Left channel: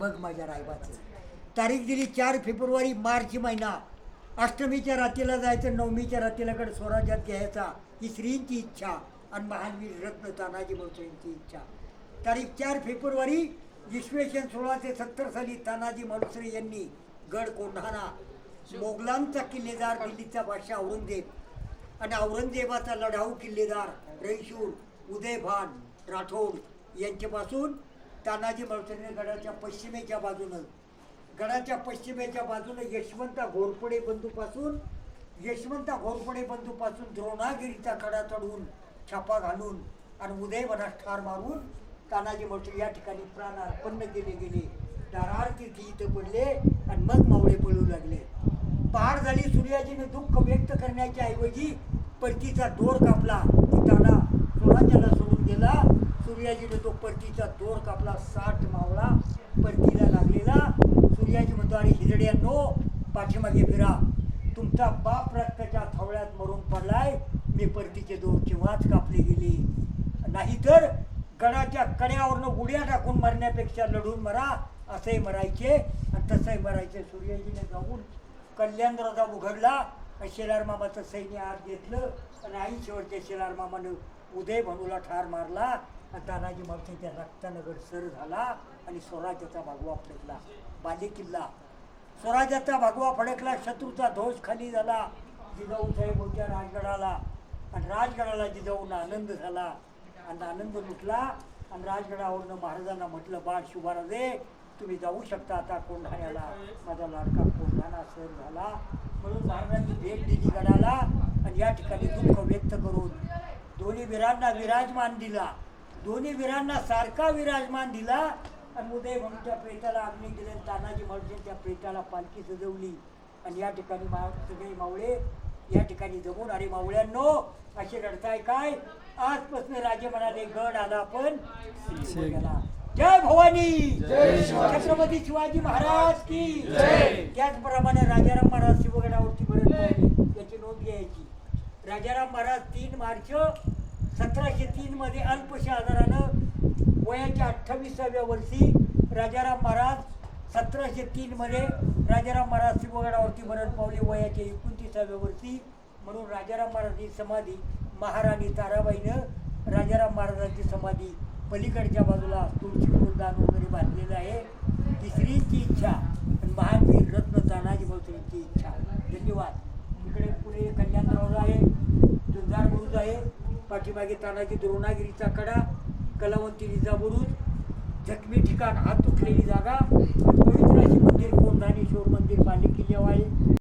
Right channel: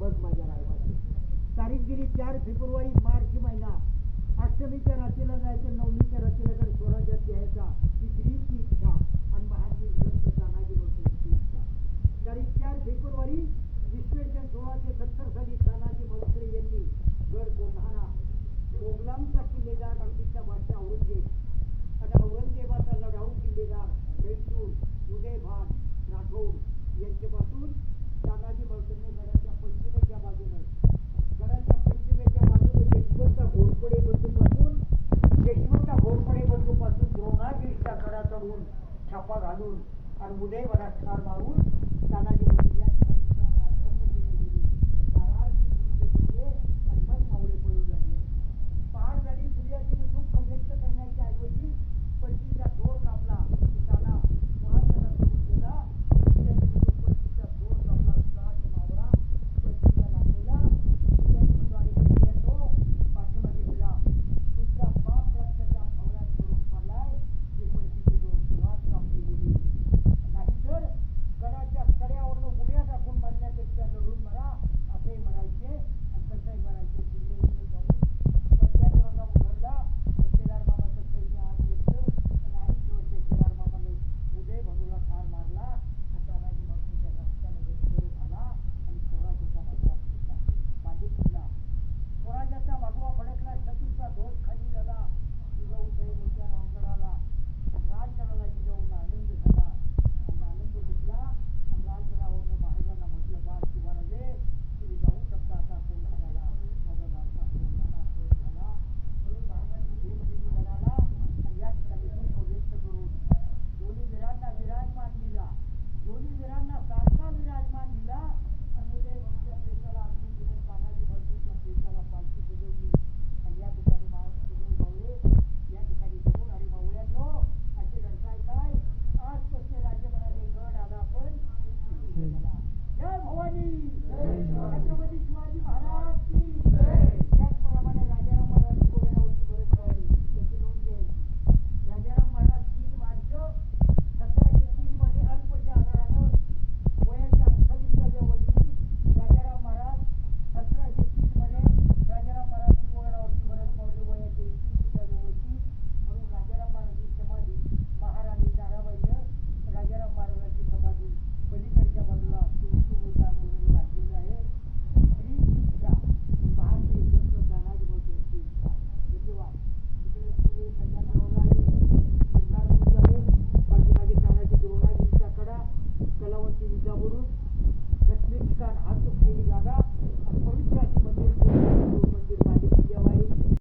बघ माझ्या रायबाचं. तारीख दिली चार फेब्रुवारी मार्च महिना. अष्टमीच्या रात्रीला जायचं नवमीच्या रात्रीलाकडे स्वराज्यात घ्यायचा. ही श्रींची इच्छा आणि महानवीर रत्न तानाजी यांची इच्छा. तारीख चार फेब्रुवारी इसवेशन सन सोळाशे सत्तर साली तानाजी मालुसरे यांनी गड कोंढाणा मोगलांचा किल्लेदार दिल्लीचा बादशाह औरंगजेब आणि औरंगजेबाचा लढाऊ किल्लेदार रईशूर उदयभान राठोड यांच्यापासून तानाजी मालुसरेने गडाच्या पश्चिमेच्या बाजूनं गडाच्या पश्चिमेच्या बाजूनं यशवंत घोरपडे बंधूपासून यशवंत घोरपडे बंधूपासून द्रोणागिरीचा कडा चढून छापा घालून आणि उदयवनात ठार मारून तानाजी मोठे या ठिकाणी प्राण अर्पण केले गेले. दारार्थी तिथे इथं पडले आणि मग मावळे पळू लागले. पार झाली सूर्याजीने दुःख व्यक्त करण्याच्या ऐवजी परतीचा दोर कापला. की ताना सोडून गेला. सूर्याजीने सूर्याचा दोर कापला साठ मावळा परतीला लागलेला. सूर्याची म्हणतो आणि हिजड्यांनो पाठीमागे फिरा. तुमचा बाप रक्ताच्या थवळ्यात मरून पडलाय. मी परतीचे दोरची वाच कापले गेले. नाहीतर गडाच्या कड्यावरनं उड्या टाकून मरण्यापेक्षा लढून मरा असंही मरायचे. आणि तसंही मरायचे. सूर्याजीने जाऊन कल्याण दरवाजा उघडला. शेलार मामाचं सैन्य आत घेतलं. आणि आई शेवटच्या शेलार मामानं उदय भनूला ठार मारला. तानाजी मावशी रक्तानगर रक्तानं गडसर झाला आणि स्वराज्याचा भगवा फडकला बाजे किल्ला. स्वराज्याचा भगवा फडकला शत्रूचा ध्वज खाली झाला. जिजाऊ साहेब होत्या राजगडाला. आणि राजगडाला जिजाऊन आनंद झाला. आणि आनंद लुटला. आणि राजगडावरनं महाराजांना म्हटलं बाळ शिवाराजे तुम्ही जाऊ शकता आता कोंढाण्याला. माझा लाडका कोंढाणा सर झाला. म्हणून महाराजांनी भेट दिली गडाला. आणि या ठिकाणी दुःख व्यक्त करून दोन्ही वीरांना विराजमान दिला. दोन्ही वीरांना सारखा विराजमान दिला आणि उदय म्हणूच्या प्रेताला अग्नी दिले. आणि तानाजी म्हणून त्या प्रेताला पालखी सजवली. आणि या ठिकाणी मा सगळे मावळे या ठिकाणी जमून. अरे मावळ्यांनो असे रडताय काय? आजपासून राजे म्हणाले गड आला पण जय भवानी. छत्रपती शिवाजी महाराज की जय. त्याचप्रमाणे राजाराम महाराज शिवगडावरती भरत पावले याची नोंद घ्यायची राजाराम महाराज तीन मार्च सतराशे तीन मध्ये अल्पशा आजारानं वयाच्या अठ्ठावीसाव्या वर्षी राजाराम महाराज सतराशे तीनमध्ये राजाराम महाराज शिवगडावरती मरण पावले वयाच्या एकोणतीसाव्या वर्षी म्हणून राजाराम महाराजांची समाधी महाराणी ताराबाईनं राजाराम महाराजांची समाधी पलीकडच्या बाजूला तुळशी फुलदान वगैरे बांधलेलं आहे. तिसरींची इच्छा आणि महावीर रत्न तानाजी भाऊसाहेबांची इच्छा. धन्यवाद. इकडे पुढे कल्याणराव आहे. जुंजार बुरुज आहे. पाठीमागे तानाजी द्रोणागिरीचा कडा कलावंती बुरुज जखमी ठिकाण हात तुटलेली जागा. पवित्र अशी मंदिर कोण राणेश्वर मंदिर बालिक किल्ल्यावर